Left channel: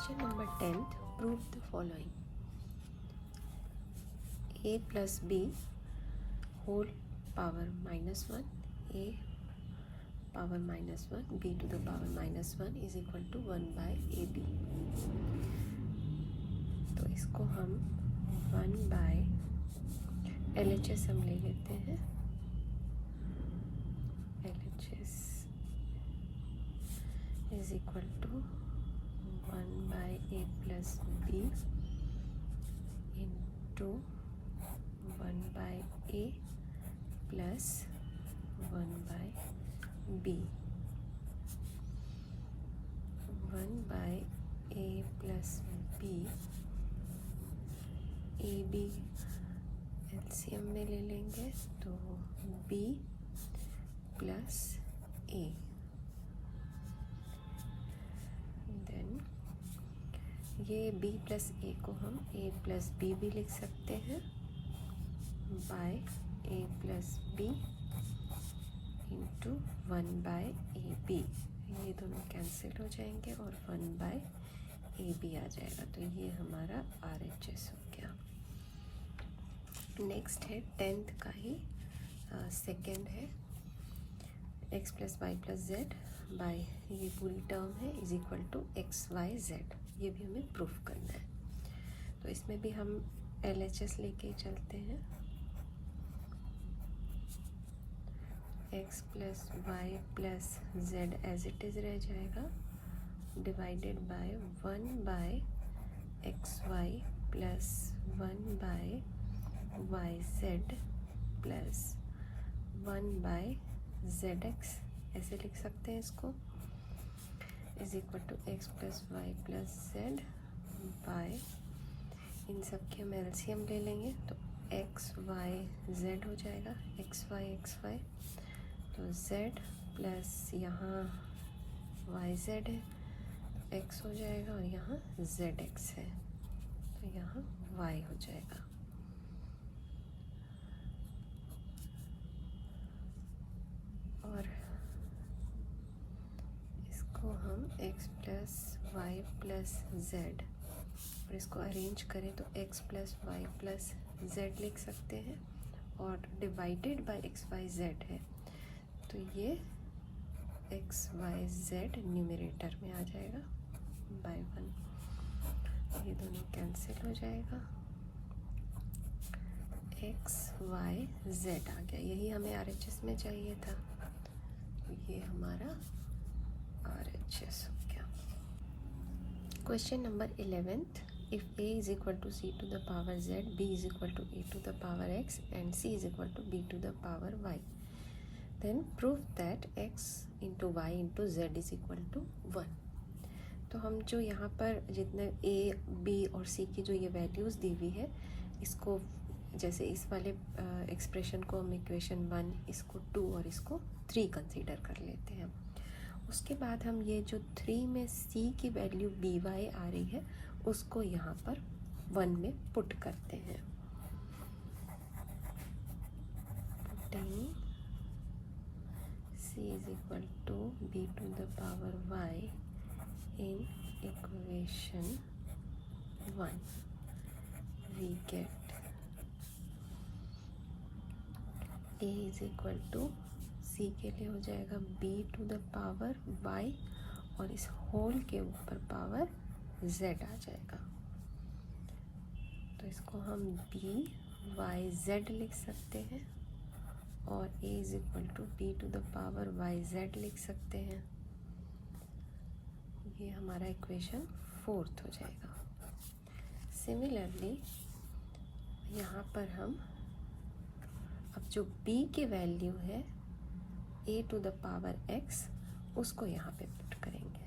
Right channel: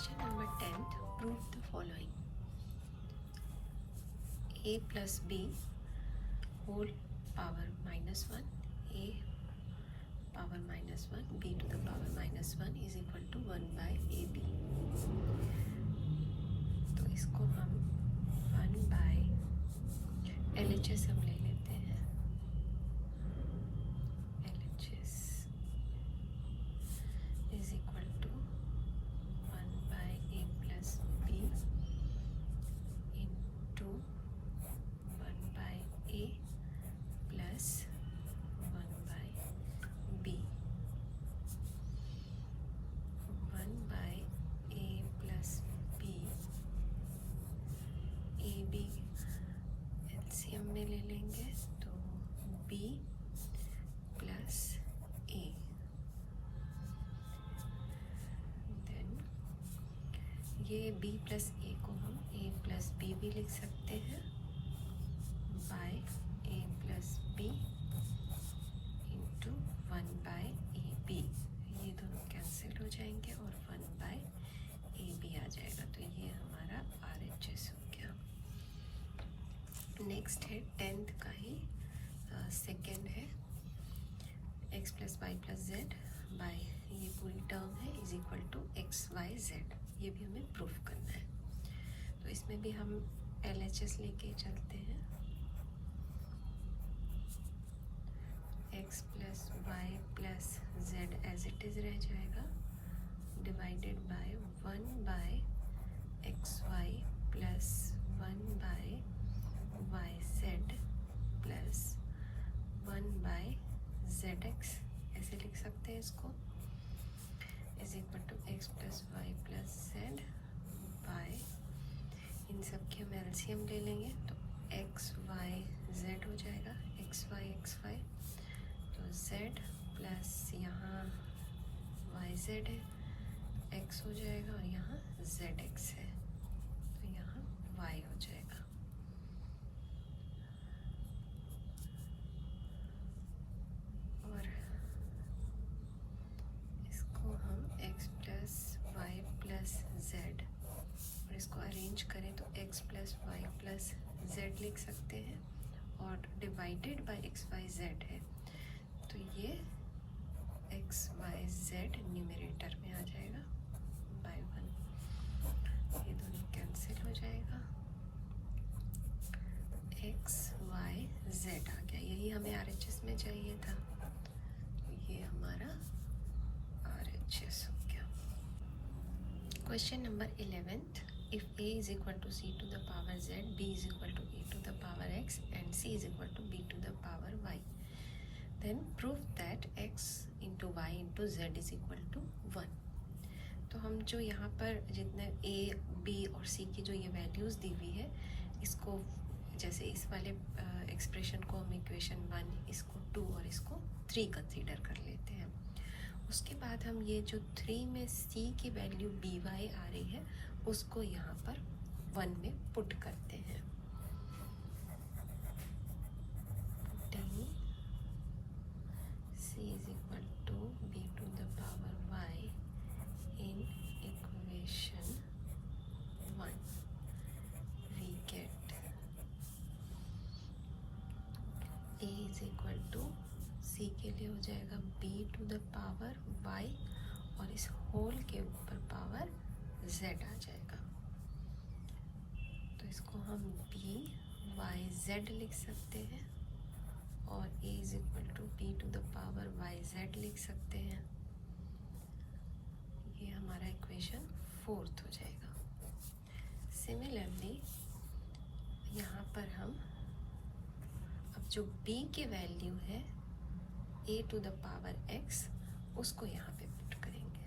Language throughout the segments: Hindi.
Question number 10. Prove the following. A plus B whole power minus 1, A power minus 1, B to the power minus 1 is equal to 1 by AB. तो इसको हम 1 by LHS हम ले लेते हैं. LHS is equal to 1 by A plus B into 1 by A plus 1 by B. 1 by A plus B, A B LCM में ले लेंगे तो B प्लस A. देन ये B प्लस A को हम A प्लस B भी लिख सकते हैं by A plus B into 1 by a b. ये दोनों कैंसिल हो जाएंगे और 1 बाय ए बी आ जाएगा. तो ये हमारा RHS हो गया. नेक्स्ट है 10th का ही सेकेंड है x plus y plus z by ये पूरी टर्म है is equal to x y z. ये भी हमें प्रूफ करना है. तो इसमें भी हम LHS लेके चलते हैं. x plus y plus z as it is रह जाएगा divided by 1 by x y plus 1 by y z plus 1 by z x. ऐसे लिख सकते हैं इसको is equal to x plus y plus z by इन सब की हम एलसीएम ले लेंगे तो एक्स वाई जेड हो जाएगा. एक्स वाई तो z प्लस यहाँ वाई जेड है तो x हो जाएगा और यहाँ जेड एक्स है तो यहाँ y हो जाएगा. और इसको हम x plus y plus z और इसको अरेंज करें तो x plus y plus z लिख सकते हैं और divided by x y z है तो ये एक्स वाई जेड न्यूमरेटर में आ जाएगा बाय 1. ये दोनों कैंसिल हो जाएगा. एक्स वाई जेड आ गया. यही हमें RHS में चाहिए था. ये हमारा RHS हो गया. Question number 11th. If A is equal to C to the power Z, B is equal to A to the power X and C is equal to B to the power Y, then prove that x into y into z is equal to 1. तो हम जो यहाँ पर जितने a, b और c की जो ये वैल्यूज़ दी हुई है इसको जैसे इस वाले एक्सप्रेशन को हम इक्वेशन 1 इसको 2 और इसको 3 कंसीडर कर लेते हैं. उसके बाद हम ये जो 3 में c की वैल्यू by आ रही है उसको यहाँ पर 1 में पुट करते हैं. C is equal to b to the power y in equation 1. We get A is equal to C के लिए हो जाएगा b to the power y और इस होल के ऊपर पावर z आ जाएगा. तो इसको हम b y z लिख सकते हैं और a is equal to b to the power y z लिख सकते हैं. ये हमारा इक्वेशन 4th हो जाएगा. सिमिलरली यहाँ पर हम अब जो b की वैल्यू है a to the power x उसको यहाँ पे पुट करेंगे.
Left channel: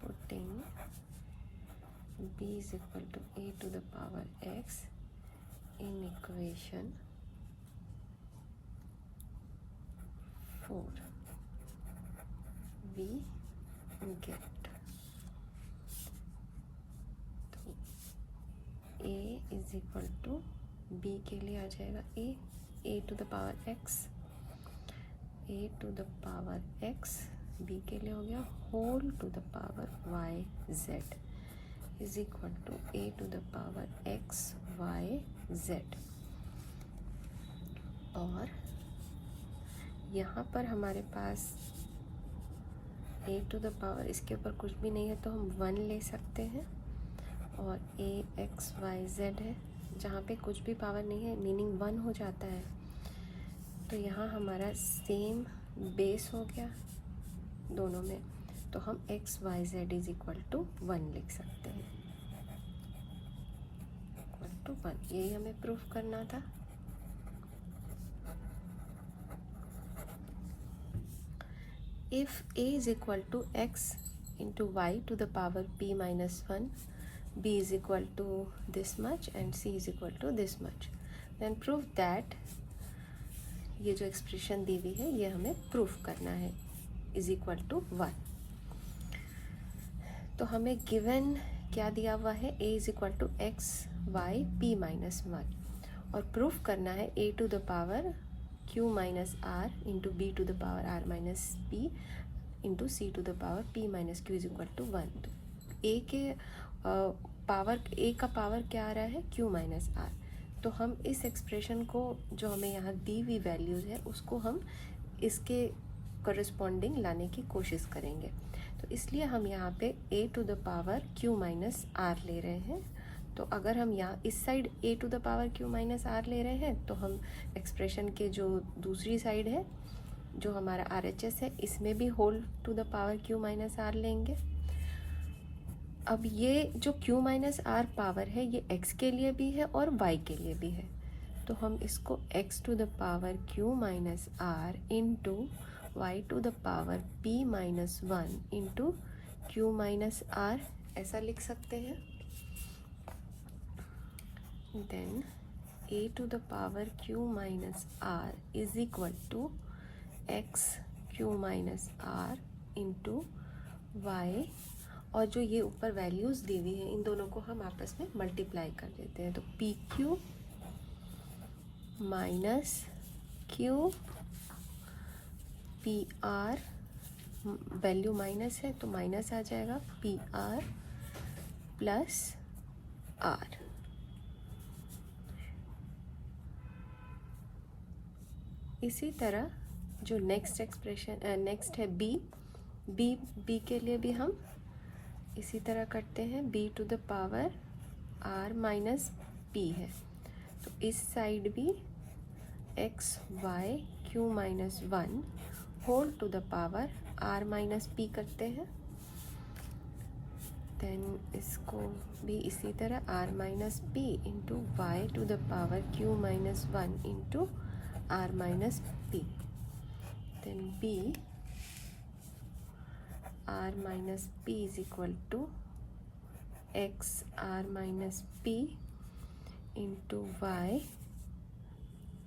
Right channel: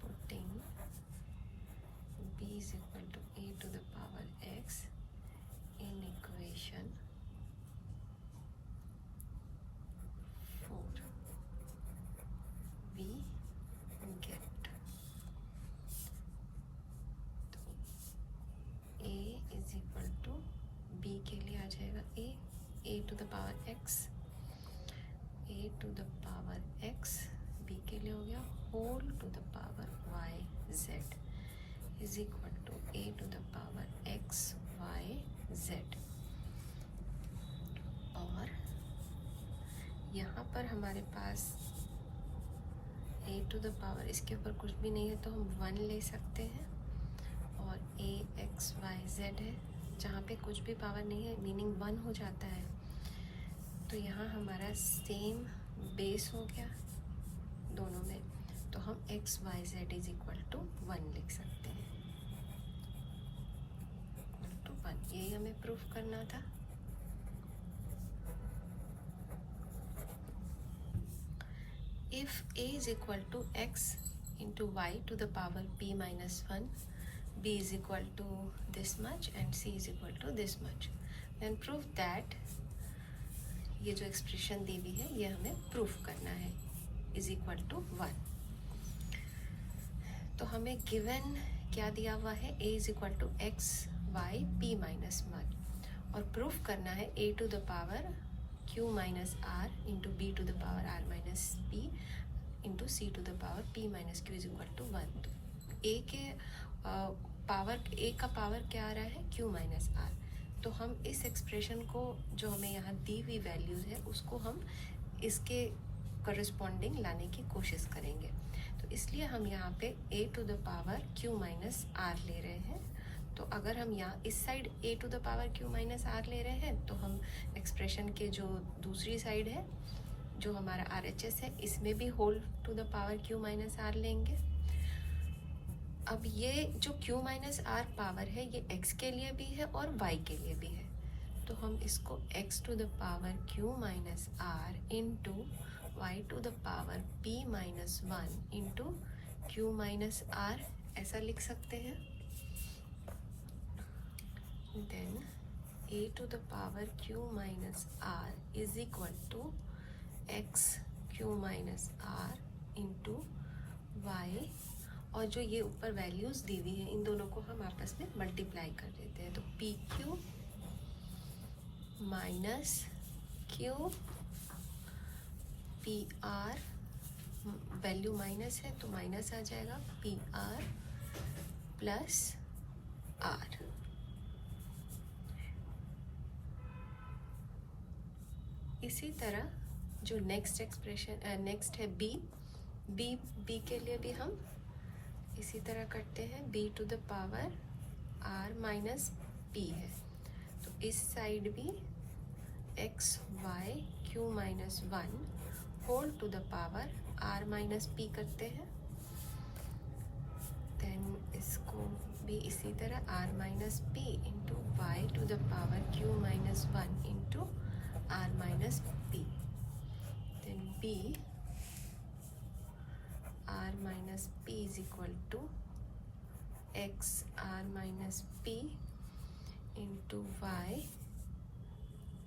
Putting b is equal to a to the power x in equation 4 we get a is equal to b के लिए आ जाएगा a to the power x, a to the power x b के लिए हो गया whole to the power y z is equal to a to the power x y z। और यहाँ पर हमारे पास a टू द पावर इसके ऊपर कुछ भी नहीं है तो हम 1 ले सकते हैं, और a x y z है जहाँ पे कुछ भी पावर नहीं है मीनिंग 1 हो जाता है। तो यहाँ हमारा सेम बेस हो गया दोनों में, तो हम x y z is equal to 1 लिख सकते हैं, इक्वल टू 1। यही हमें प्रूफ करना था। If a is equal to x into y to the power p minus 1, b is equal to this much and c is equal to this much, then prove that ये जो एक्सप्रेशन दी हुई है ये हमें प्रूफ करना है इज इक्वल टू 1। तो हमें गिवन क्या दिया हुआ है, a is equal to x y p minus 1, और प्रूफ करना है a to the power q minus r into b to the power r minus p into c to the power p minus q is equal to 1। a के पावर a का पावर क्या आ रहा है q माइनस आर, तो हम इस एक्सप्रेशन को जो हमें यहाँ दी हुई वैल्यूज है उसको हम इसके करस्पॉन्डिंग लाने की कोशिश करेंगे। तो इसलिए हम यहाँ पे a to the power q minus r ले रहे हैं। तो अगर हम यहाँ इस side a to the power q minus r ले रहे हैं तो हम एक्सप्रेशन के जो दूसरी साइड है जो हमारा RHS है इसमें भी whole to the power q minus r लेंगे। अब ये जो q माइनस आर पावर है ये x के लिए भी है और y के लिए भी है, तो हम इसको x to the power q minus r into y to the power p minus 1 into q minus r ऐसा लिख सकते हैं। Then a to the power q minus r is equal to x q minus r into y, और जो ये ऊपर वैल्यूज दी हुई हैं इन दोनों को हम आपस में मल्टीप्लाई कर लेते हैं। तो P q minus Q P R, value minus है तो माइनस आ जाएगा, पी आर प्लस आर। इसी तरह जो नेक्स्ट एक्सप्रेशन नेक्स्ट है बी के लिए भी हम इसी तरह करते हैं। b to the power r minus p है, तो इस साइड भी x y q minus 1 whole to the power r minus p करते हैं। देन इसको भी इसी तरह r minus p into y to the power q minus 1 into r minus p. Then b r minus p is equal to x r minus p into y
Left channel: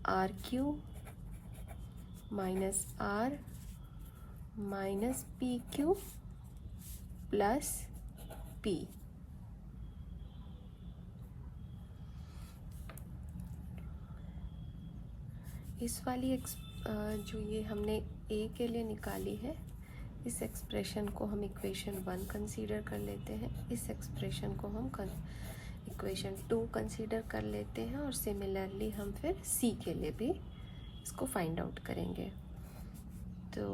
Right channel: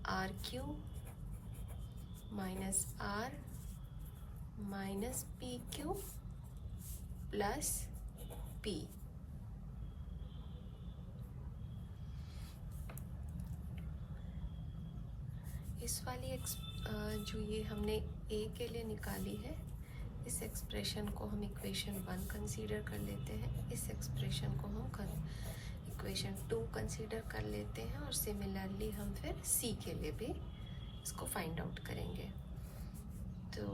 r cube minus r minus p cube plus p। इस वाली जो ये हमने a के लिए निकाली है इस एक्सप्रेशन को हम इक्वेशन 1 कंसीडर कर लेते हैं, इस एक्सप्रेशन को हम इक्वेशन 2 कंसीडर कर लेते हैं, और सिमिलरली हम फिर c के लिए भी इसको फाइंड आउट करेंगे। तो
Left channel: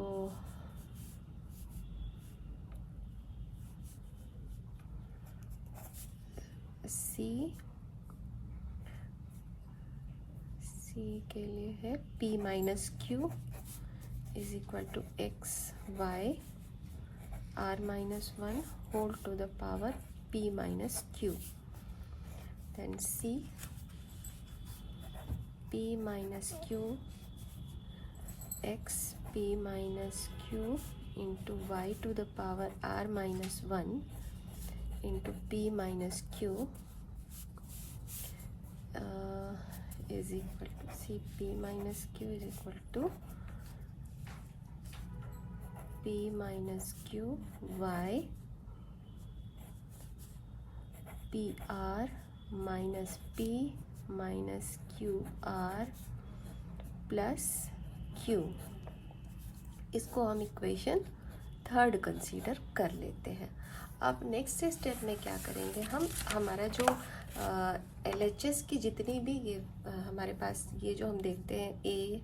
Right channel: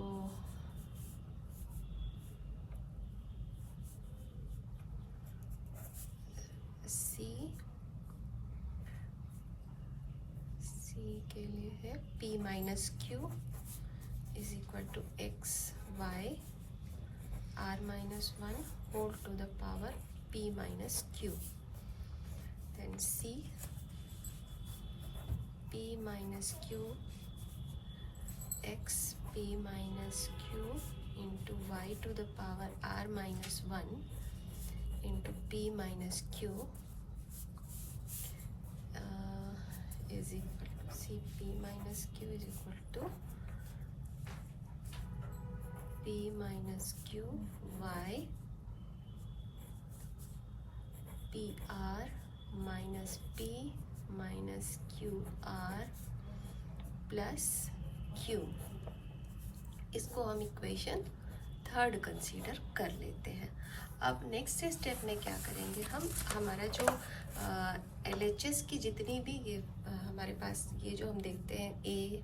c के लिए है p minus q is equal to x y r minus 1 whole to the power p minus q। then c p minus q x p minus q into y to the power r minus 1 into p minus q is equal to c p minus q is equal to p minus q y p r minus p minus q r plus q। इसको हम इक्वेशन थर्ड कंसीडर कर लेते हैं। अब नेक्स्ट स्टेप में क्या करेंगे हम, हमारा जो LHS की जितनी भी ये हमारे पास ये जो हम देखते हैं ए,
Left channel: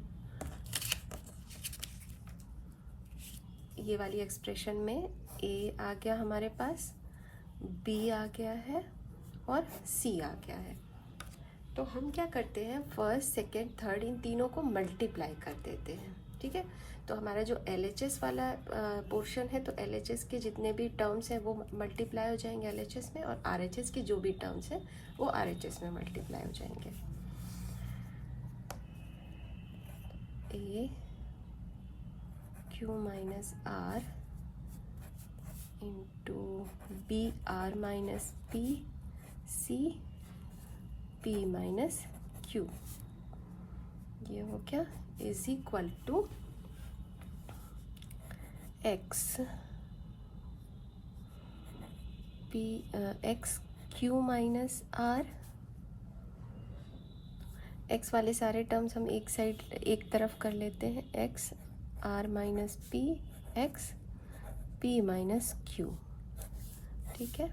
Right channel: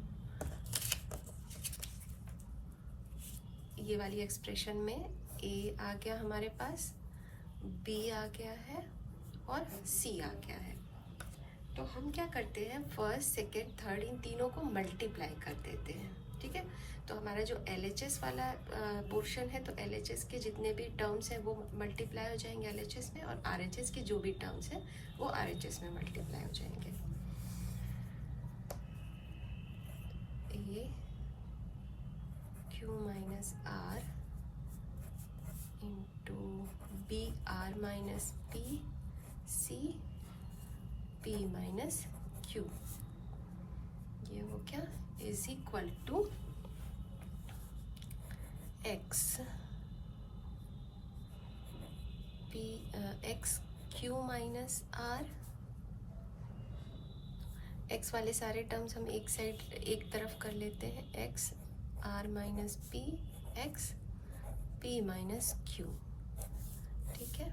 ये वाली एक्सप्रेशन में ए आ गया हमारे पास, बी आ गया है और सी आ गया है। तो हम क्या करते हैं, फर्स्ट सेकेंड थर्ड इन तीनों को मल्टीप्लाई कर देते हैं, ठीक है। तो हमारा जो LHS वाला पोर्शन है, तो LHS के जितने भी टर्म्स हैं वो मल्टीप्लाई हो जाएंगे LHS में, और RHS की जो भी टर्म्स हैं वो RHS में मल्टीप्लाई हो जाएंगे। A q minus r into b r minus p c P minus q, ये हो क्या, is equal to x p x q minus r. X वाले सारे टर्म्स हम एक साइड एक तरफ कर लेते हैं, x r minus p x p minus q, ठीक है।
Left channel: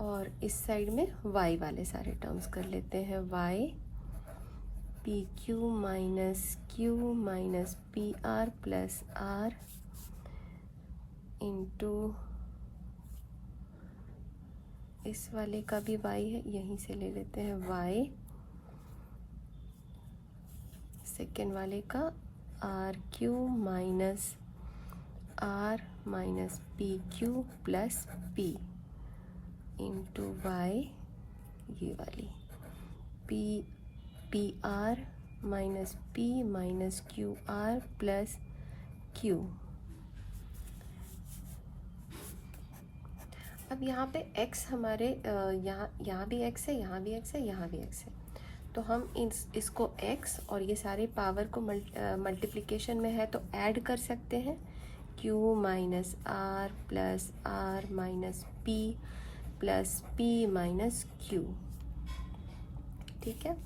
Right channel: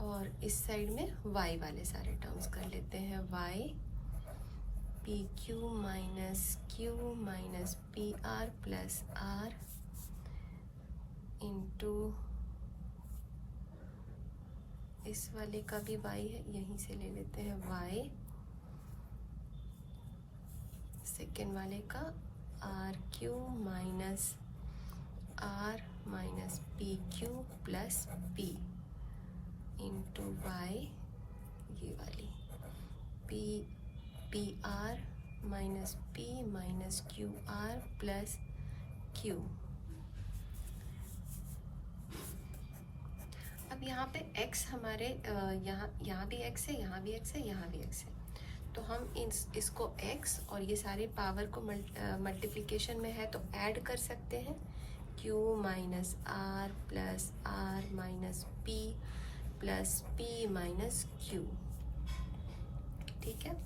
और इस साइड में y वाले सारे टर्म्स कर लेते हैं, y p q minus p r plus r into इस वाले का भी y है, यहीं से ले लेते हैं y सेकेंड वाले का r q minus p q plus p into y, ये वाली p r minus p minus q r plus q. अब यहाँ पे x हमारे यहाँ भी x है, यहाँ भी x है, यहाँ भी x है, तो हम इसको x और ये सारे पावर को मल्टीप्लिकेशन में है तो ऐड कर सकते हैं, q minus r plus r minus p plus p minus q, ठीक है।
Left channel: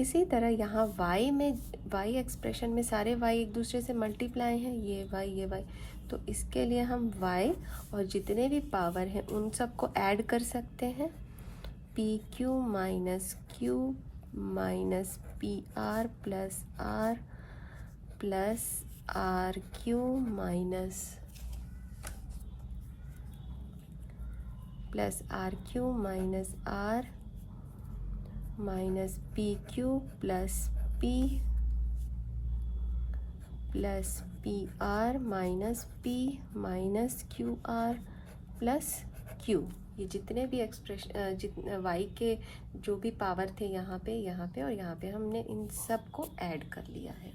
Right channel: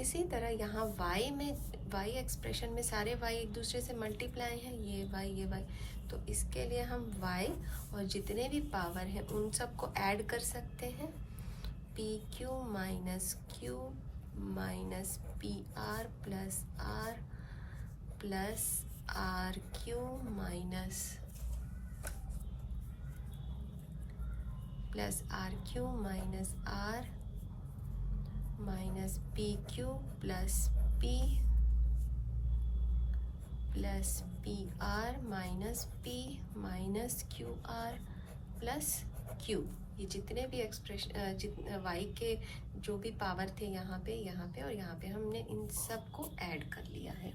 इसी तरह यहाँ y में, y एक्सप्रेशन में सारे y एक दूसरे से मल्टीप्लाई हैं, ये y, तो इसके लिए हम y और जितने भी पावर हैं उन सबको ऐड कर सकते हैं, p q minus p r plus r q minus r minus p q plus p r minus p minus q r plus q. ये जितने भी एक्सप्रेशन y के जो भी पावर थे यहाँ पे और यहाँ पे हमने इन सब को ऐड कर लिया है।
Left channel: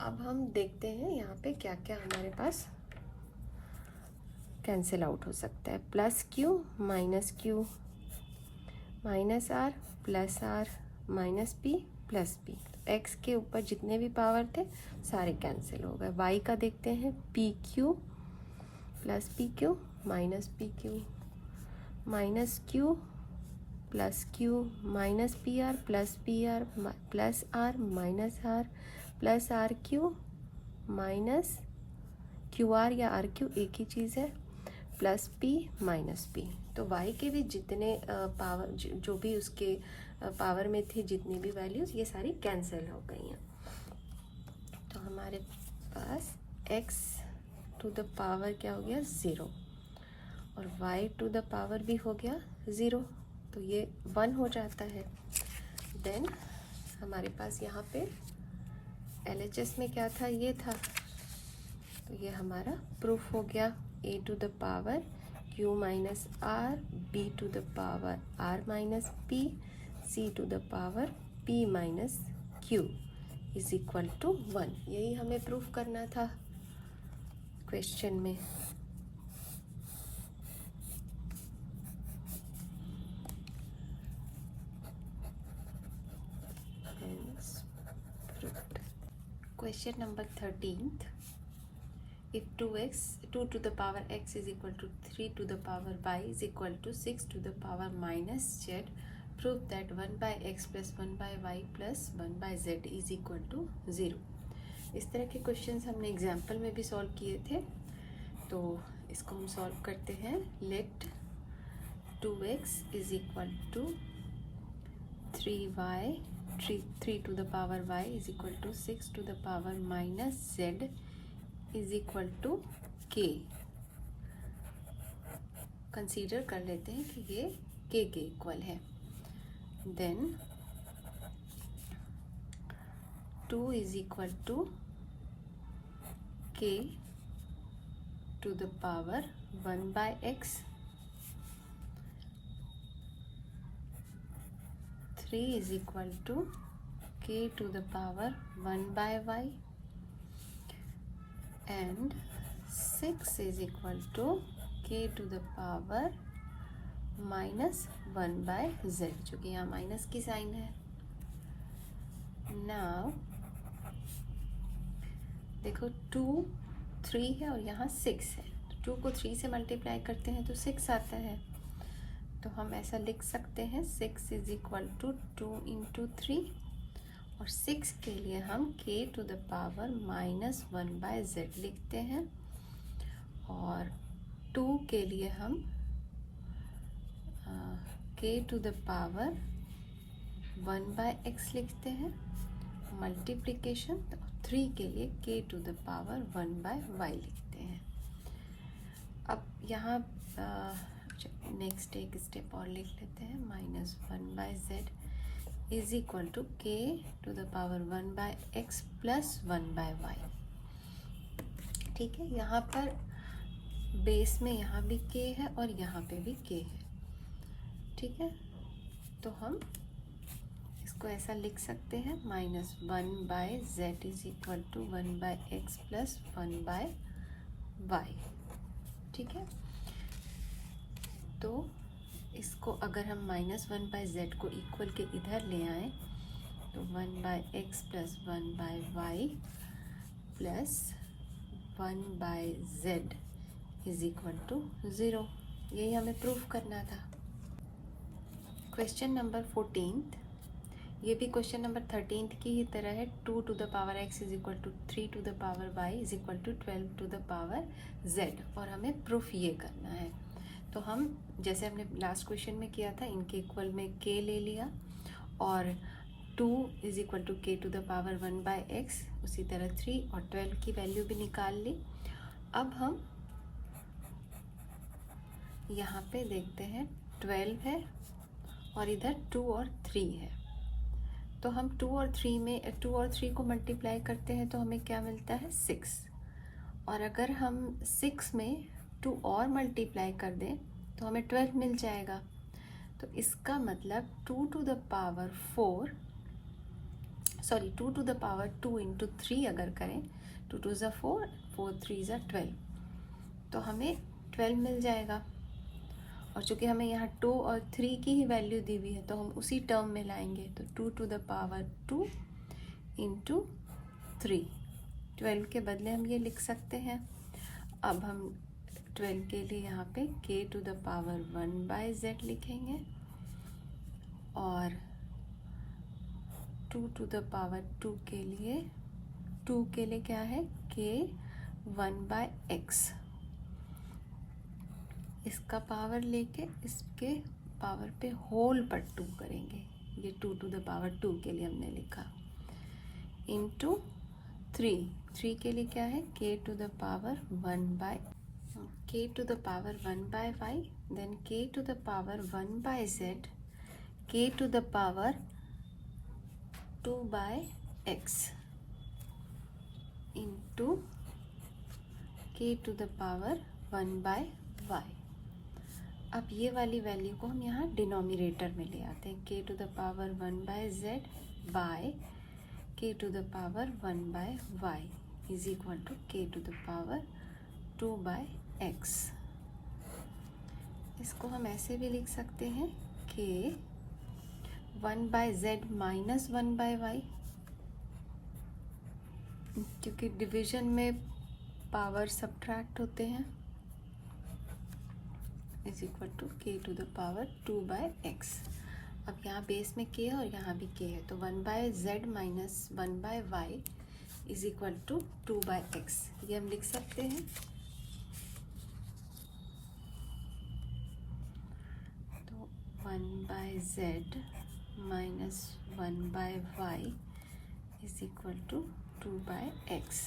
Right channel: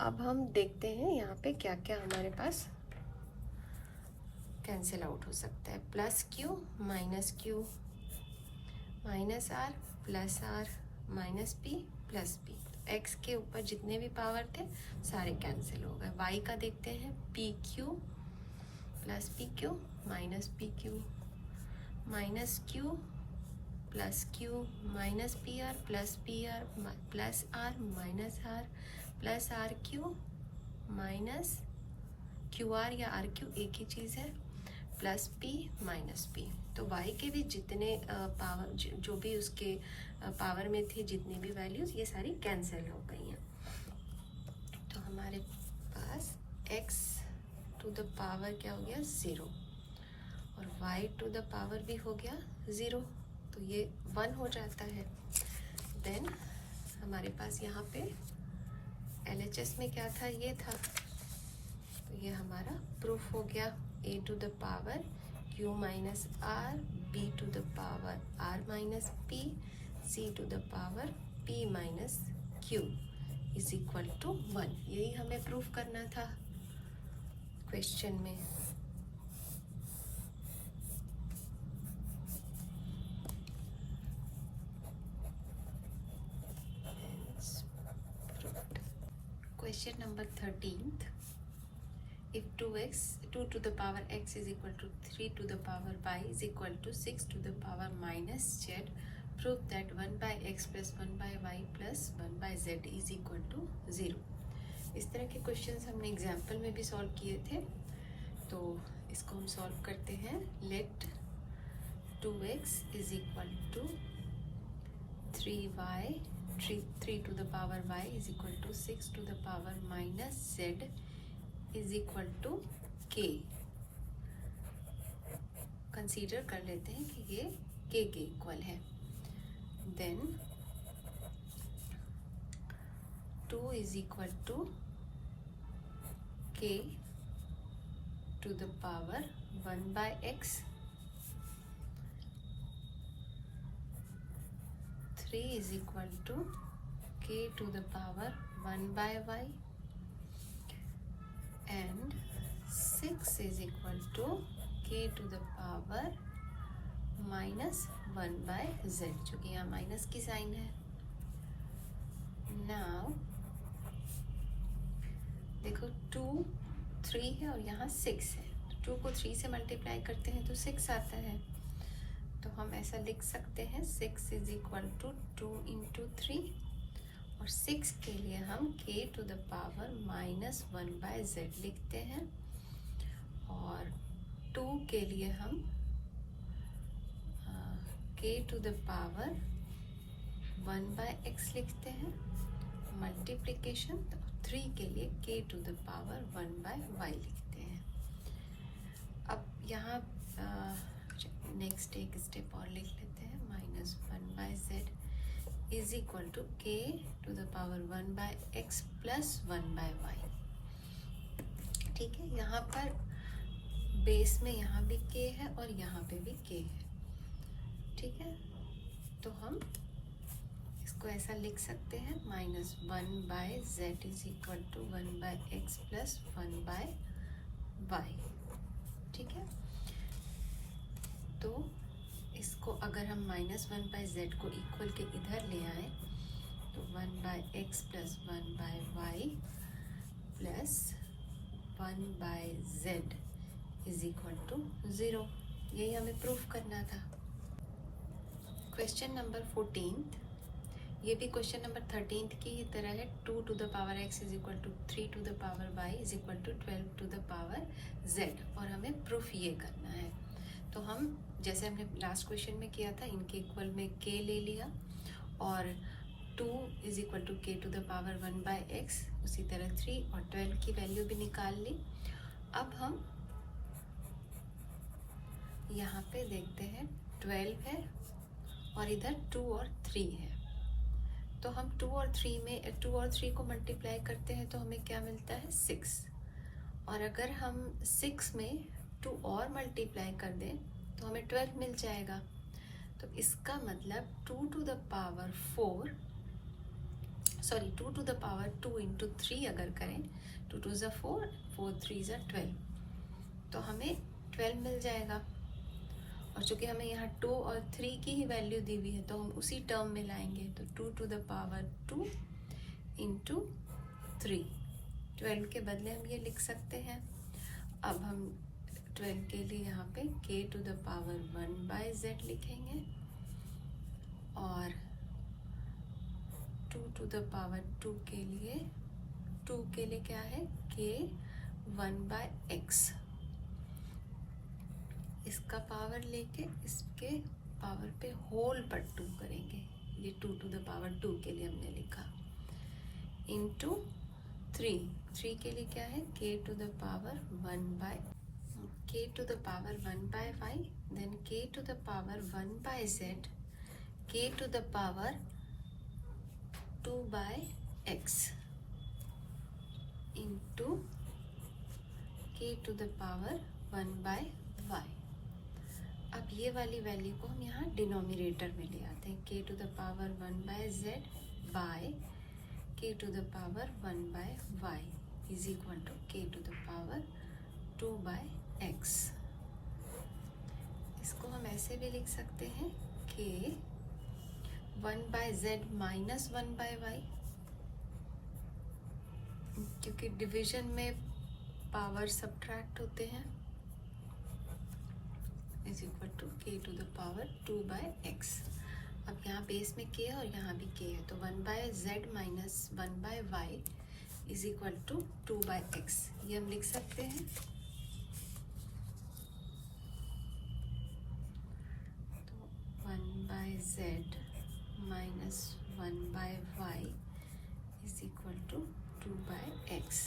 अब हम देखते हैं यहाँ पे क्या क्या हमारे पास कैंसिल आउट हो सकता है, plus q minus r plus r minus p plus p, x के ऊपर जितने भी पावर थे सारे कैंसिल हो गए। वाई का देखते हैं, p q plus p q minus q plus q minus p r plus r minus r plus r q minus q r या आर क्यू एक ही चीज़ है, प्लस पी माइनस पी। तो y के भी जितने पावर जो भी उसके पावर में थी जितनी भी वैल्यूज ये सारी कैंसिल हो गई हैं। तो हमारे पास x टू द पावर क्या हो गया 0 और y टू द पावर भी हो गया 0, तो ये 1 हो जाता है। देन हमारे पास यहाँ पे LHS में क्या था, ये था, तो ये हमारा प्रूफ हो गया, a to the power q minus r, b to the power r minus p, c to the power p minus q is equal to 1। यही हमें प्रूफ करना था क्वेश्चन में। Question number 13th. If 2 to the power x is equal to 3 to the power y is equal to 6 to the power minus z, prove that 1 by x plus 1 by y plus 1 by z is equal to 0. इस तरह के क्वेश्चंस हमने एग्जाम्पल में भी सॉल्व किए थे। तो इसको हम सॉल्व करते हैं. Let 2x is equal to 3 to the power y is equal to 6 to the power minus z is equal to k. Consider कर लेते हैं कि ये k के इक्वल है. Then 2 is equal to k to the power 1 by x. 3 is equal to k to the power 1 by y, and 6 is equal to k to the power minus 1 by z, चूँकि यहाँ माइनस की साइन है. नाउ देखो 2 3 है और यहाँ 6 है. 2 को 3 से मल्टीप्लाई करते हैं तो 6 आता है. तो हम ऐसा लिख सकते हैं 6 इज इक्वल टू 2 इंटू 3, और 6 के लिए हम k to the power minus 1 by z लिखते हैं, और 2 के लिए हम k to the power 1 by x लिखते हैं मल्टीप्लिकेशन. 3 के लिए k to the power 1 by y लिखते हैं. अब यहाँ नेक्स्ट एक स्टेप और लिख लेते हैं. Minus 1 by z is equal to k to the power 1 by x plus 1 by y. ठीक है, यहाँ पर बेस में यहाँ भी k है और यहाँ पे भी k है. ठीक है, तो हम इसको ऐसा लिख सकते हैं. Minus 1 by z is equal to 1 by x plus 1 by y. ठीक है, तो इसको अगर हम माइनस 1 बाय z को इक्वल के इधर ले आए तो 1 by x plus 1 by y plus 1 by z is equal to 0. यही हमें प्रूफ करना था. क्वेश्चन नंबर 14, ये भी क्वेश्चन नंबर 13 की ही तरह है. 2 to the power x is equal to 3 to the power y is equal to 12 to the power z, और हमें प्रूफ ये करना है. तो हम जैसे हमने लास्ट क्वेश्चन में किया था, इनके इक्वल में k ले लिया और 2 is equal to k to the power 1 by x, उसी तरह 3 और 12 की वैल्यू भी निकाल ली. अब हम यहाँ पे देखते हैं 12 है और इधर 2 और 3 है. तो हम 2 और 3 को मल्टीप्लाई करते हैं तो हमें क्या मिलता है 6, और अगर हम 6 में 2 और मल्टीप्लाई कर दें तो हमें 12 मिल जाएगा. तो इसका मतलब 2 टू द पावर 2 इंटू 3 अगर करें, 2 2 ज़ा 4, 4 3 ज़ा 12, तो हमें 12 मिल जाएगा. और चूँकि हमें यहाँ 2 और 3 की ही वैल्यू दी हुई है तो हम उसी टर्म में लाएंगे. तो 2 टू द पावर 2 इंटू 3, 12 के बदले हम ये लिख सकते हैं. अब हम 12 के लिए यहाँ पे k to the power 1 by z लिखेंगे, और 2 टू द पावर 2 के लिए क्या है k 1 बाय x. इसका पावर लेके इसके पावर पे होल पर 2 करेंगे. ये 2 टू द पावर 2 के लिए हमने लिखा, इंटू 3 के लिए क्या है k to the power 1 by k to the power 1 by y, then k to the power 1 by z, k to the power 2 by x into k to the power 1 by y. अब ये वाली वैल्यू को हम यहाँ डिनोमिनेटर में ले आते हैं. k to the power 1 by z by k to the power 1 by y is equal to k to the power 2 by x. इसको हम ऐसे भी लिख सकते हैं k 1 by z minus 1 by y, क्योंकि डिवीजन में पावर सब्ट्रैक्ट होते हैं, is equal to k to the power 2 by x. अब यहाँ बेस में k है और यहाँ भी k है, तो 1 by z minus 1 by y is equal to 2 by x. ये हम लिख सकते हैं. z minus 1/y is equal to 2/x।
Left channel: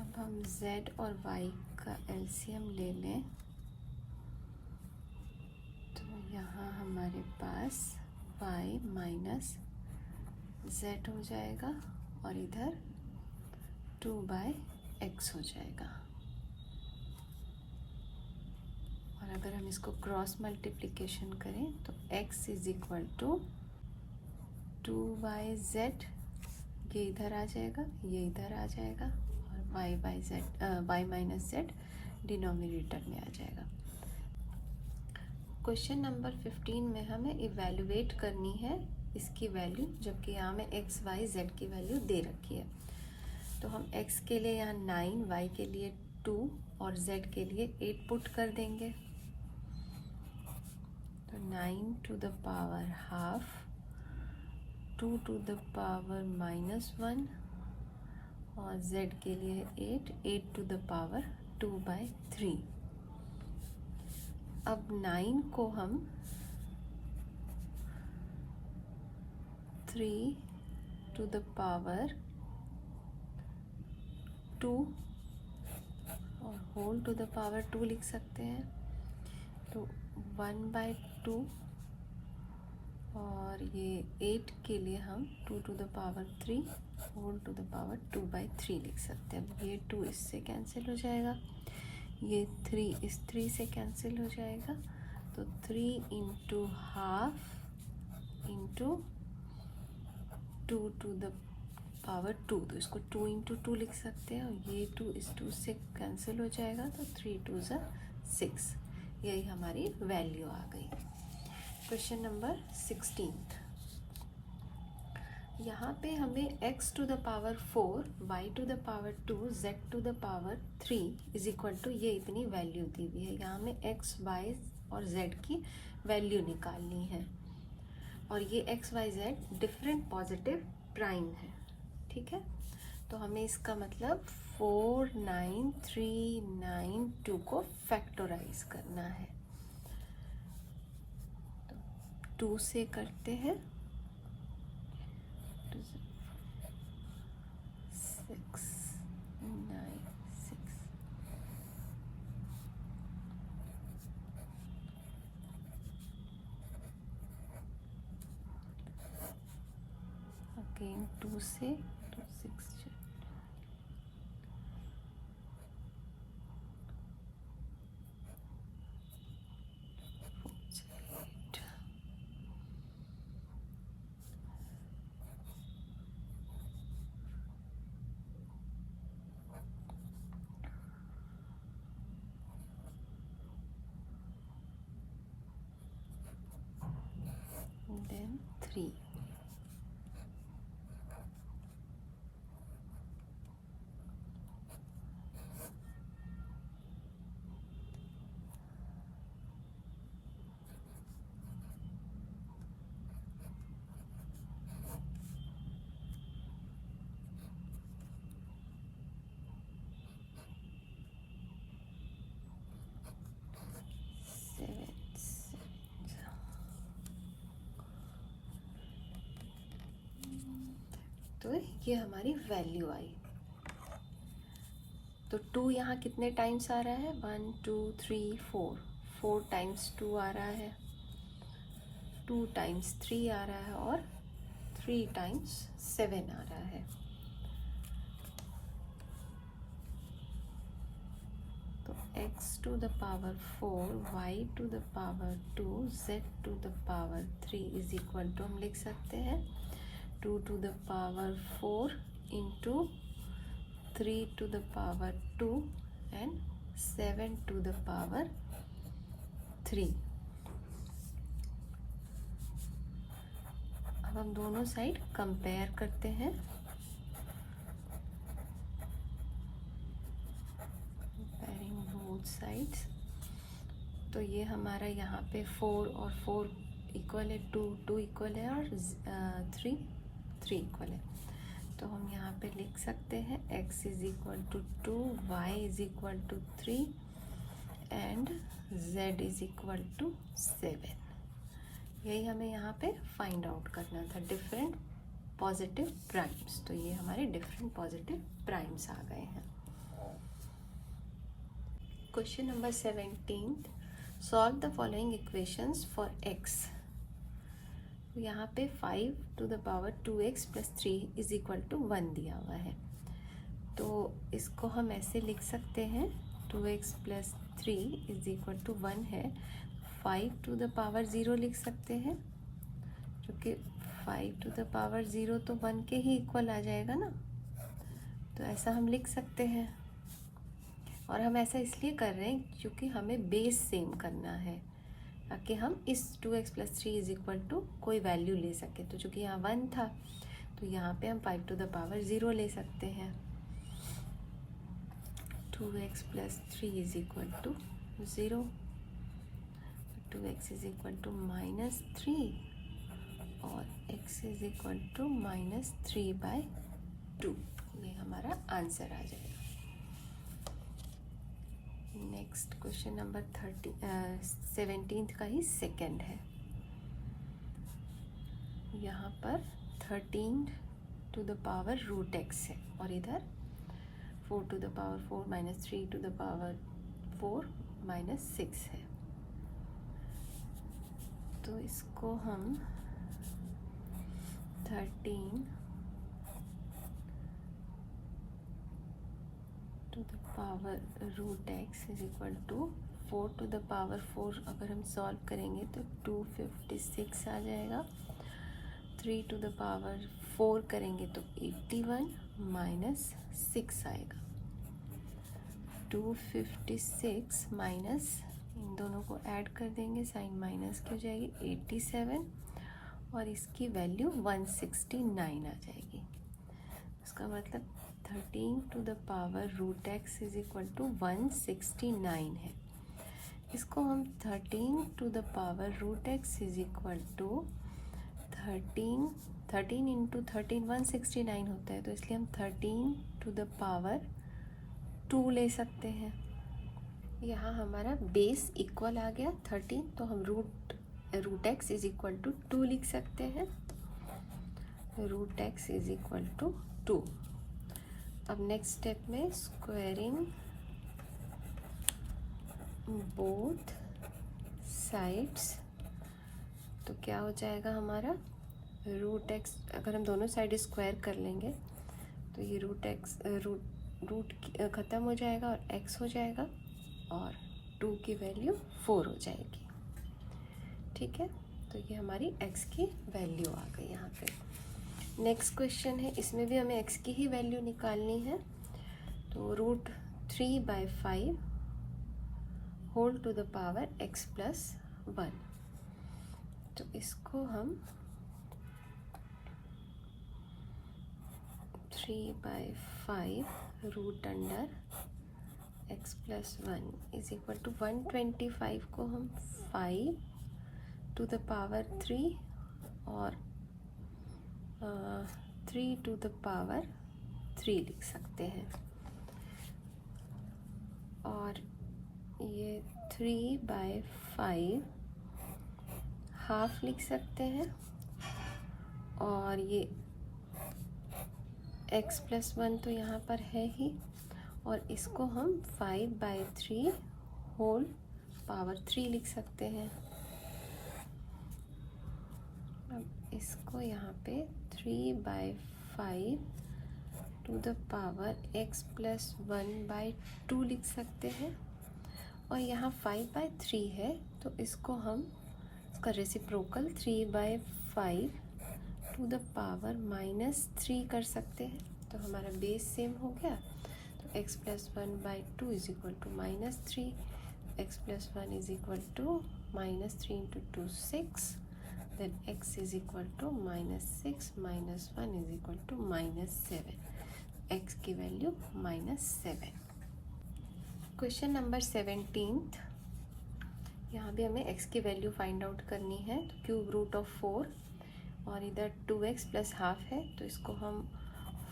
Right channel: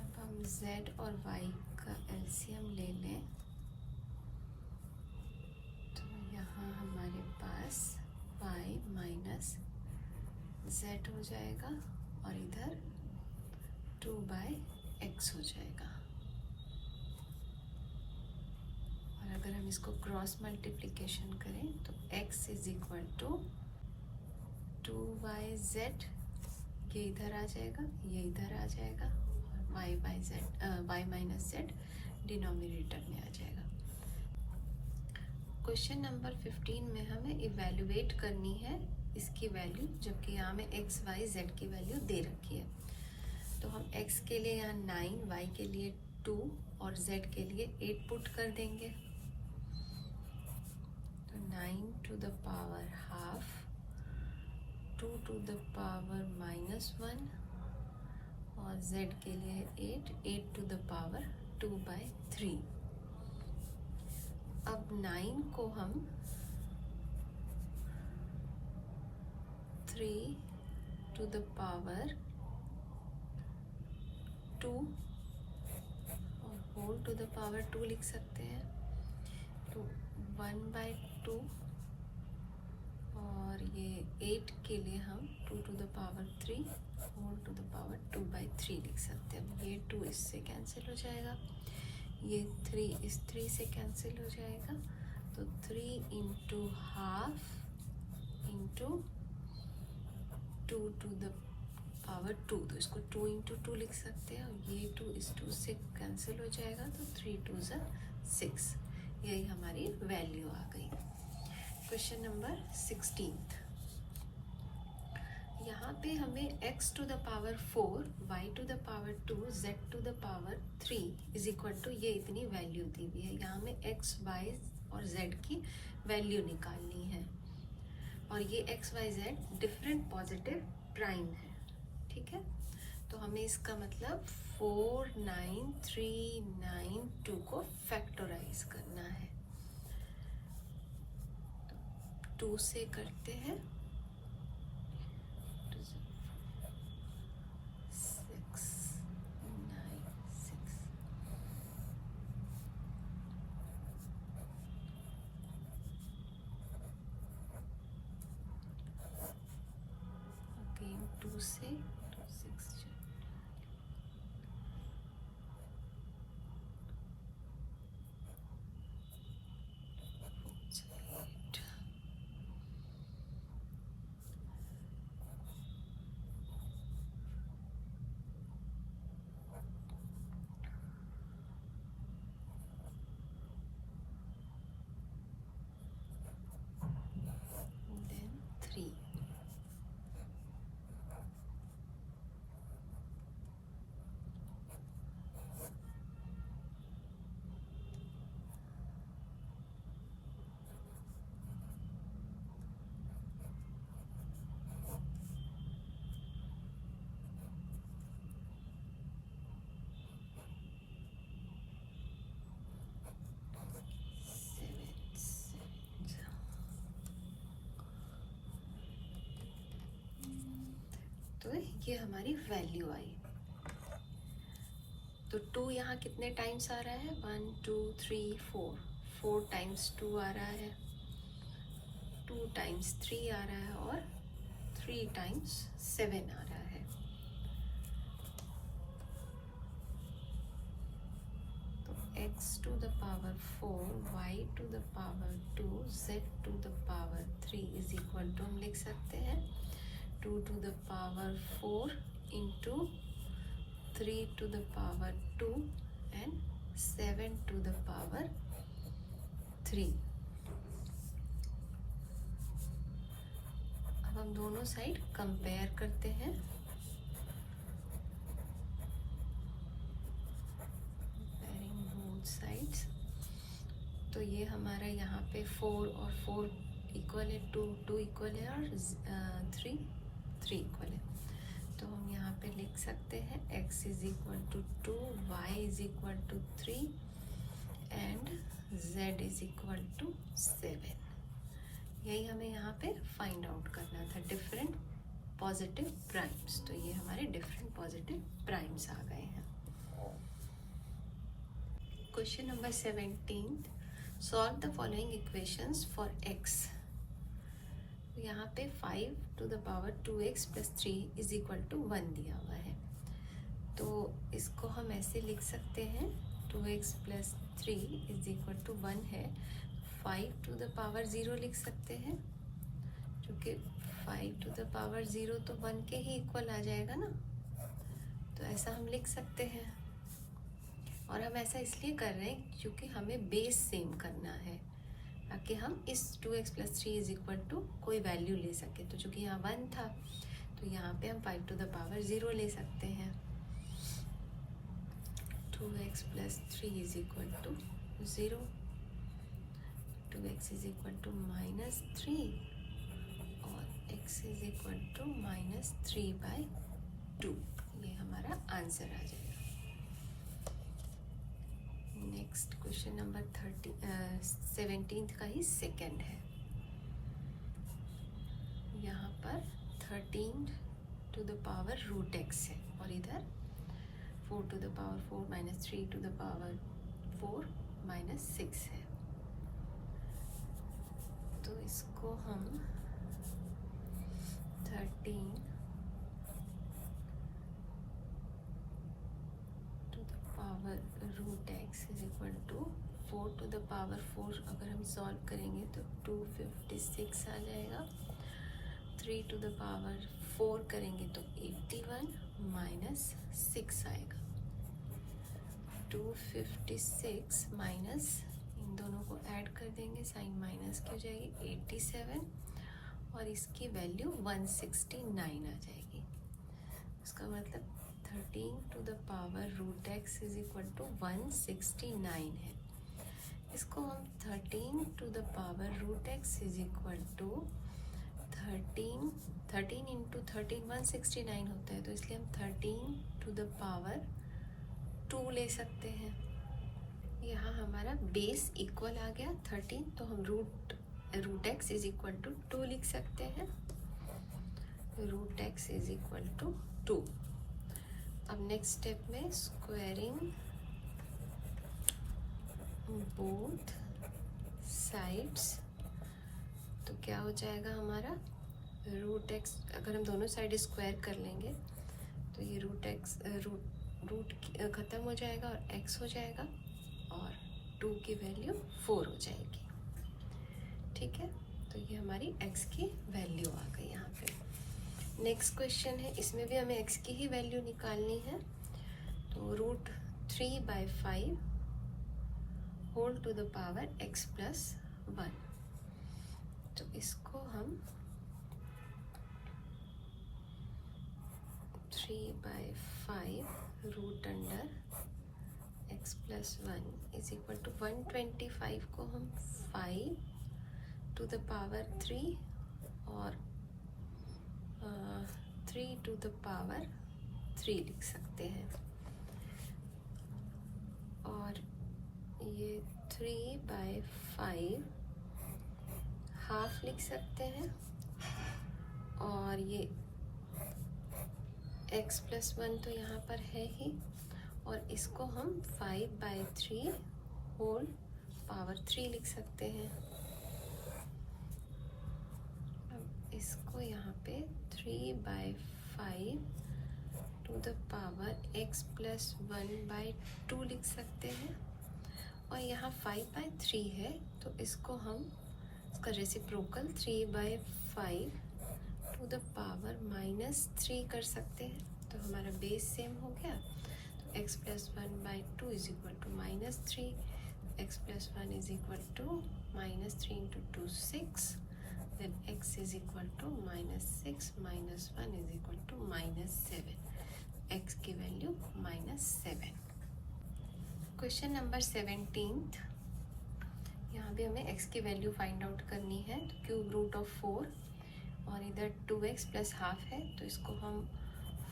अब हम z और y का एलसीएम ले लें तो यहाँ हमारे पास y माइनस z हो जाएगा और इधर 2/x हो जाएगा। और अगर हम इसको क्रॉस मल्टीप्लिकेशन करें तो x is equal to 2yz, ये इधर आ जाएगा, ये इधर आ जाएगा और y माइनस z डिनोमिनेटर में आ जाएगा। क्वेश्चन नंबर 15 में हमें इवेल्युएट करनी है इसकी वैल्यू, जबकि यहाँ में x y z की वैल्यू दे रखी है। तो हम x के लिए यहाँ 9, y के लिए 2 और z के लिए 8 पुट कर देंगे। तो 9 to the power half, 2 to the power -1 और z के लिए 8 to the power 2/3। अब 9 को हम 3 to the power 2 और होल टू द पावर 2 लिख सकते हैं। तो 1/2 और ये 8 के लिए हम 2 to the power 3 whole to the power 2/3 लिख सकते हैं। ये 2 इससे कैंसिल हो जाएगा, ये 3 इस 3 से कैंसिल हो जाएगा। तो 3 into half into 2 to the power 2, तो इसको 2 इंटू 2 लिख सकते हैं और ये 2 इस 2 से कैंसिल हो जाएगा। तो 3 2 6, यही हमारी वैल्यू आ गई। क्वेश्चन नंबर 16, यहाँ पे हमें x to the power 4, y to the power 2, z to the power 3 is equal to ये इतनी वैल्यू दी हुई है। यहाँ में x, y और z की वैल्यू निकालनी है और ये x, y, z different positive prime है, ठीक है। तो हमें इसका मतलब 4 9 3 9 2 को फैक्टराइज करना है। तो 2 से करते हैं 6 9 6, अगेन 2 से 6 then 3। तो ये हमारी वैल्यू आई। तो 2 यहाँ कितने टाइम्स आ रहा है, 1 2 3 4 टाइम्स 2 आ रहा है, 2 टाइम्स 3 आ रहा है और 3 टाइम्स 7 आ रहा है। तो x to the power 4, y to the power 2, z to the power 3 is equal to हम लिख सकते हैं 2 to the power 4 into 3 to the power 2 and 7 to the power 3। अब हम दोनों साइड कंपेयर करते हैं। Comparing both sides, तो ये हमारा यहाँ पे 4 और 4 इक्वल है, 2 इक्वल है और 3 इक्वल है। तो हम यहाँ पे लिख सकते हैं x is equal to 2, y is equal to 3 and z is equal to 7। यही हमें यहाँ पे फाइंड आउट करना था, डिफरेंट पॉजिटिव प्राइम्स। तो ये हमारे डिफरेंट पॉजिटिव प्राइम्स आ गए हैं। Question number 17, solve the following equations for x। यहाँ पे 5 to the power 2x plus 3 is equal to 1 दिया हुआ है। तो इसको हम ऐसे लिख सकते हैं, 2x plus 3 is equal to 1 है। 5 to the power 0 लिख सकते हैं, क्योंकि 5 to the power 0 तो 1 के ही इक्वल आ जाएगा ना। तो ऐसा हम लिख सकते हैं, और हम ऐसा इसलिए कर रहे हैं क्योंकि हमें बेस सेम करना है, ताकि हम इस 2x plus 3 is equal to कोई वैल्यू ले सके। तो चूँकि यहाँ 1 था, तो यहाँ पे हम 5 to the power 0 ले सकते हैं। 2x plus 3 is equal to 0, 2x is equal to -3 और x इज इक्वल टू -3/2। ये हमारा आंसर आ जाएगा। नेक्स्ट क्वेश्चन नंबर 17 का ही सेकेंड है। यहाँ पर 13 to the power √x है, और इधर 4 to the power 4 - 3 to the power 4 - 6 है। तो इसको हम 13 to the power √x is equal to 4 to the power 4 अगर हम सॉल्व करेंगे तो 256 आ जाएगा। 3 to the power 4 करेंगे तो 81 - 6 आएगा। 256 माइनस, इन दोनों को ऐड कर देंगे, साइन माइनस की हो जाएगी, 87, और इसकी वैल्यू 169 आ जाएगी। उसका मतलब 13 to the power √x is equal to 169 है। इसको हम 13 to the power √x is equal to 13 into 13 169 होता है, तो इसलिए हम 13 to the power 2 ले सकते हैं। यहाँ हमारा बेस इक्वल आ गया 13, तो हम √x इज इक्वल टू 2 लिख सकते हैं। √x is equal to 2। अब नेक्स्ट स्टेप में स्क्वायरिंग बोथ साइड्स, तो क्या हो जाएगा हमारा √x, अगर हम दोनों साइड स्क्वायर कर लेंगे तो ये रूट ख़त्म हो जाएगा और x हो जाएगा, और 2 की वैल्यू 4 हो जाएगी। ठीक है, तो ये हमारी x की वैल्यू आ गई यहाँ पे। नेक्स्ट क्वेश्चन है, इसमें भी हमें x की ही वैल्यू निकालनी है। तो √3/5 whole to the power x plus 1, तो इसको हम 3/5 root under x plus 1 is equal to 125 को हम 5 टू द पावर 3 और 3 टू द पावर 3 लिख सकते हैं, और ये 3/5 हाफ लिख सकते हैं, और ये x प्लस 1 तो यहाँ पर है ही, और इसको हम 5/3 होल पावर 3 लिख सकते हैं। अब इसको यहाँ पे 3/5 to the power x plus 1/2 लिख सकते हैं, और यहाँ 5/3 है, तो इसको हम इसका रेसिप्रोकल 3/5 टू द पावर -3 कर सकते हैं। तो हमारा बेस सेम हो गया, तो x plus 1/2 is equal to -3, x plus 1 is equal to -3 into 2 6, then x is equal to -6 minus 1 is equal to -7, x की वैल्यू -7। क्वेश्चन नंबर 17, यहाँ भी हमें x की वैल्यू फाइंड आउट करनी है। तो क्यूब रूट ऑफ 4 और इधर 2x प्लस हाफ है, तो इसको हम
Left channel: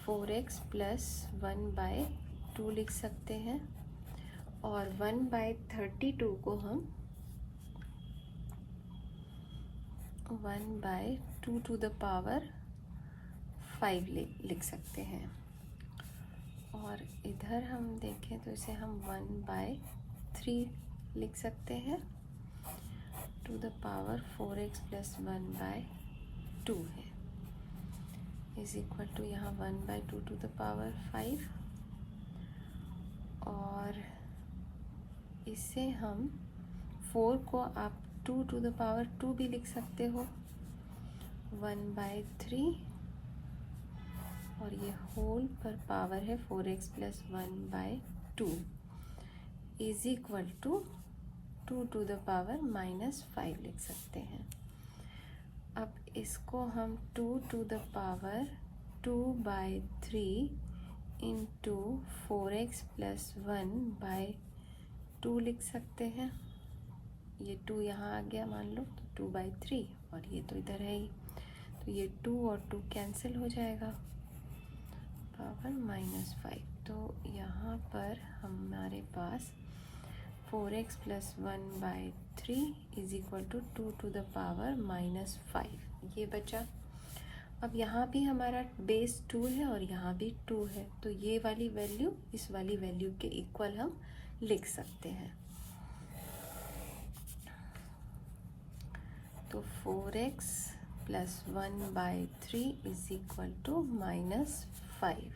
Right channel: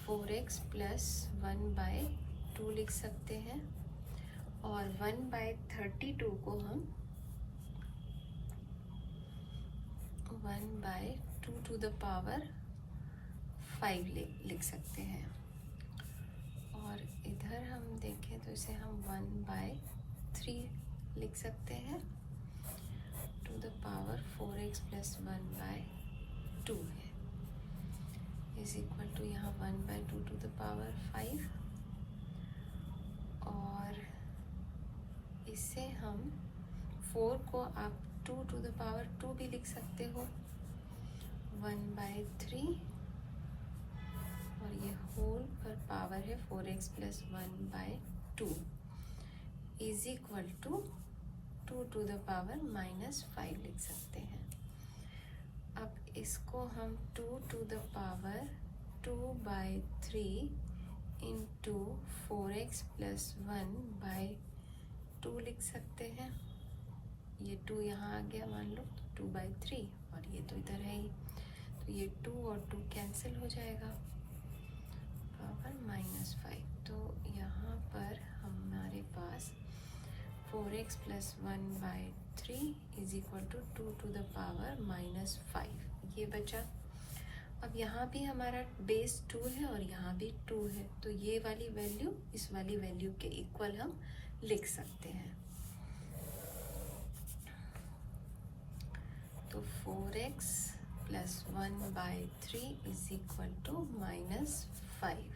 4x प्लस 1/2 लिख सकते हैं, और 1/32 को हम 1/2 टू द पावर 5 लिख सकते हैं। और इधर हम देखें तो इसे हम 1/3 लिख सकते हैं, to the power 4x plus 1/2 है, इज इक्वल टू यहाँ 1/2 टू द पावर 5। और इससे हम 4 को आप 2 टू द पावर 2 भी लिख सकते हो, 1/3, और ये होल पर पावर है 4x plus 1/2 is equal to 2 to the power -5 लिख सकते हैं। अब इसको हम 2 to the power 2/3 into 4x plus 1/2 लिख सकते हैं। ये 2 यहाँ आ गया मान लो, 2/3, और ये तो इधर है ही, तो ये 2 और 2 कैंसिल हो जाएगा, पावर -5। तो यहाँ पर हमारे पास 4x plus 1/3 is equal to 2 to the power -5 ये बचा। अब यहाँ भी हमारा बेस 2 है और यहाँ भी 2 है, तो ये वाली वैल्यू इस वाली वैल्यू के इक्वल हम लिख सकते हैं। तो 4x plus 1/3 is equal to -5।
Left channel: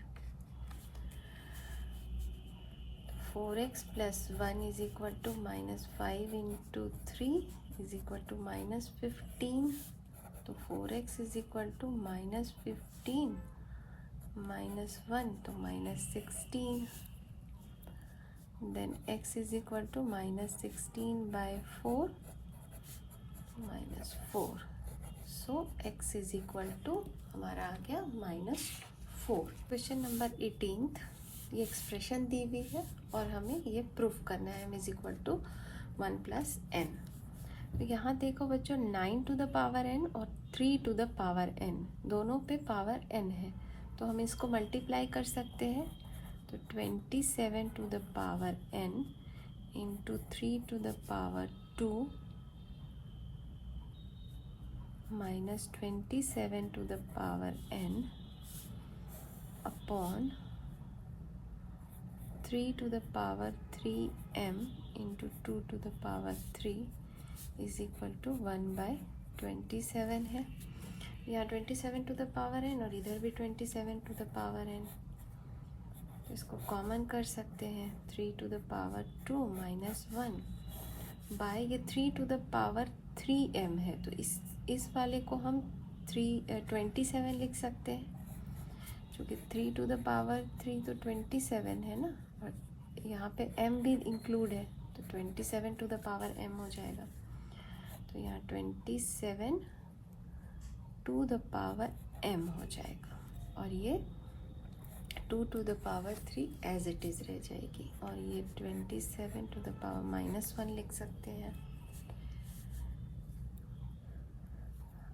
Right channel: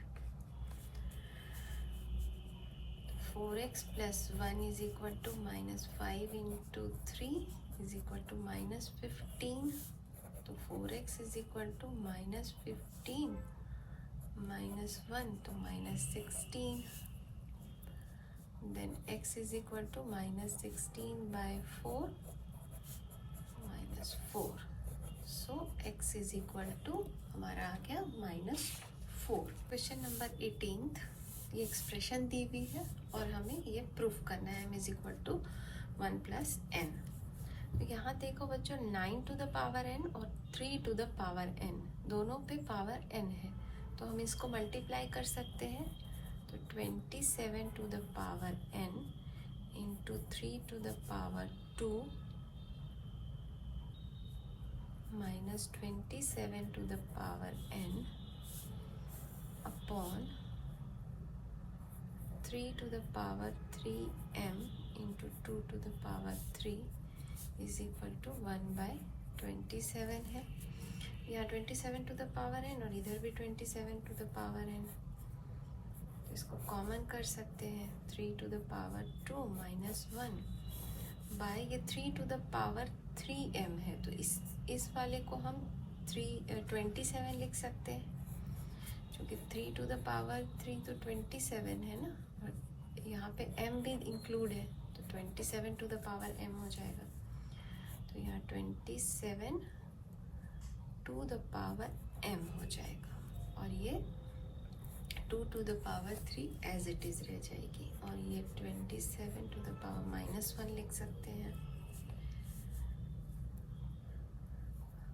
4x plus 1 is equal to -5 into 3 is equal to -15। तो 4x इज इक्वल टू -15 -1 तो -16, then x is equal to -16/4 -4। So x is equal to हमारा आ गया -4। क्वेश्चन नंबर 18, ये एक्सप्रेशन दी हुई है और हमें ये प्रूफ करना है, m is equal to 1 plus n। तो यहाँ देखो बच्चों, 9 टू द पावर n और 3 टू द पावर n, दोनों पे पावर n है, तो हम इसको मल्टीप्लाई कर सकते हैं। तो 27 to the power n into 3 to the power 2 minus 27 to the power n upon 3 to the power 3m into 2 to the power 3 is equal to 1/27 है। यहाँ 27 to the power n और इधर भी 27 to the power n, तो इसको कॉमन कर सकते हैं। 3 to the power 2 minus 1 bye ये 3 to the power 3m है, तो इस वाले को हम 27 लिख सकते हैं, क्योंकि 3 to the power 3 तो 27 है ना, और यहाँ पे m भी इंक्लूड है, तो 27 to the power m हो जाएगा। तो यहाँ 27 to the power m हो जाएगा, और ये 2 to the power 3 as it is रह जाएगी, और ये 27 to the power -1 लिख सकते हैं।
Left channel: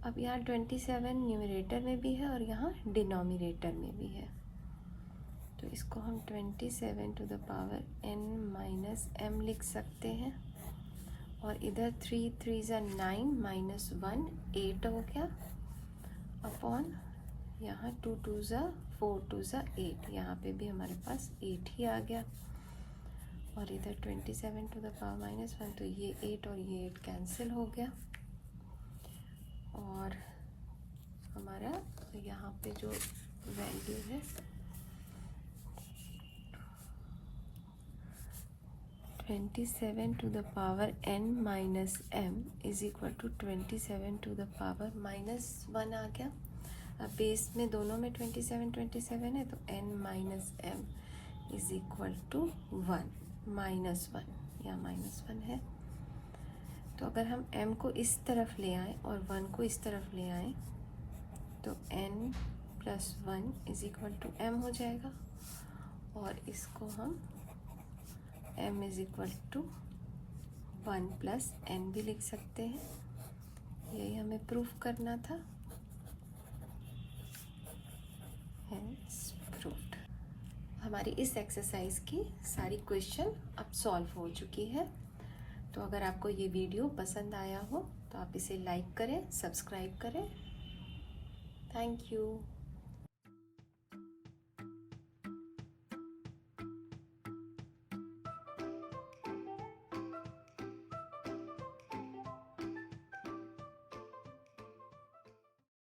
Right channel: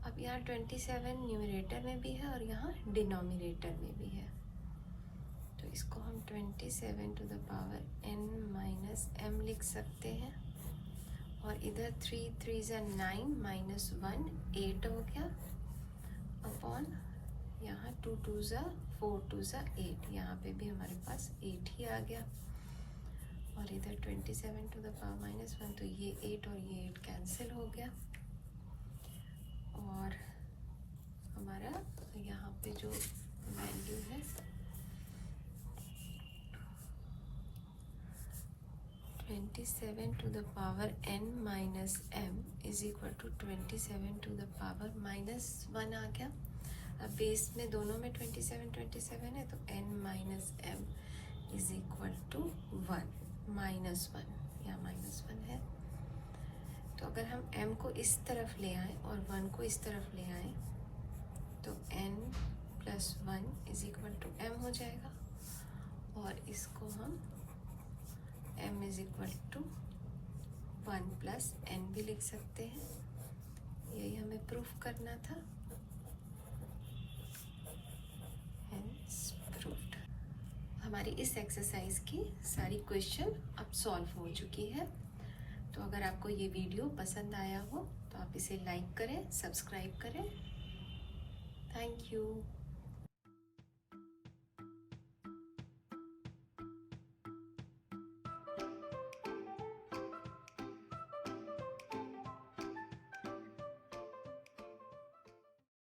अब यहाँ 27 न्यूमरेटर में भी है और यहाँ डिनोमिनेटर में भी है, तो इसको हम 27 to the power n minus m लिख सकते हैं, और इधर 3 3 9 माइनस 1 8 हो गया, अपॉन यहाँ 2 2 4 2 8, यहाँ पे भी हमारे पास 8 ही आ गया, और इधर 27 टू द पावर -1, तो ये 8 और ये 8 कैंसिल हो गया, और हमारा यहाँ पे जो वैल्यू है 27 to the power n minus m is equal to 27 to the power -1 आ गया। अब बेस में दोनों में 27 27 है, तो n minus m is equal to 1 -1, या -1 है। तो अगर हम m को इस तरफ ले आए और 1 को इस तरफ ले आए, तो n plus 1 is equal to m हो जाएगा, और इसको हम m is equal to 1 plus n भी लिख सकते हैं। यही हमें प्रूफ करना था। प्रूफ्ड। हमारी इस एक्सरसाइज की सारी क्वेश्चन अब सॉल्व हो चुकी है। तो अगर आपको ये वीडियो पसंद आया हो तो आप इसे लाइक करें, सब्सक्राइब करें। Thank you.